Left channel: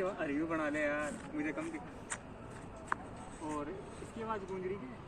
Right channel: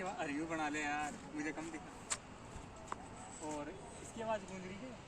इसकी रिव्यू बना ले यार, मुझे कम दिखा। और इसकी आवाज़ गूंज रही है।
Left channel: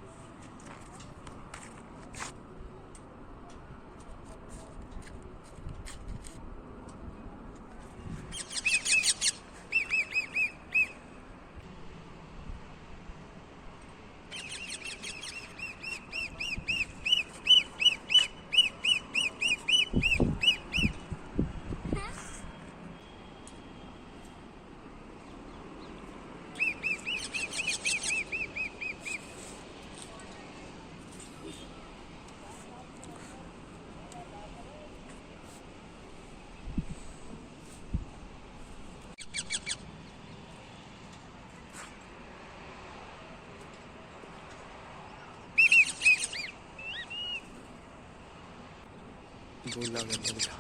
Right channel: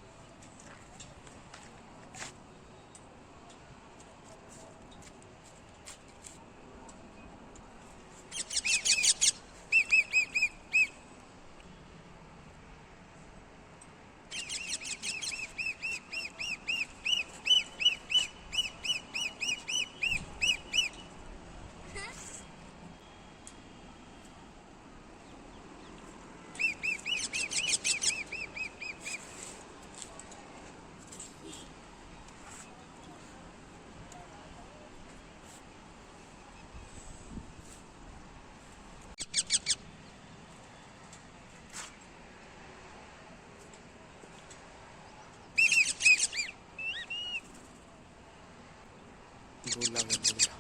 बोला मैं बोला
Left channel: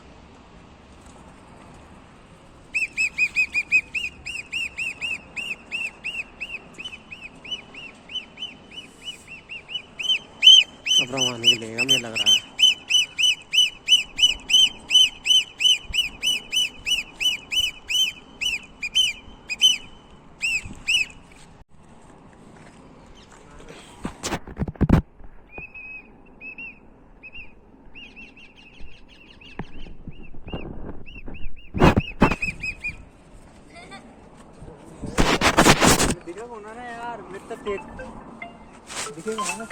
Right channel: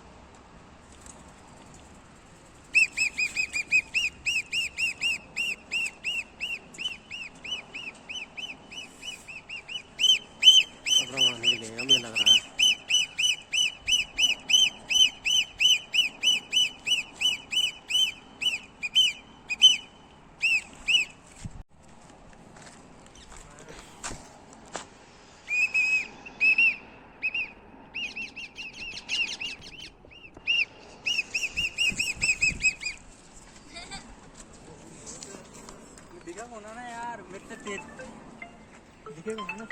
अब रवाना निकलेगा, मुझे लग रहा है। दिखेगा उन्होंने यार, मित्र तेज दिखेगा ना।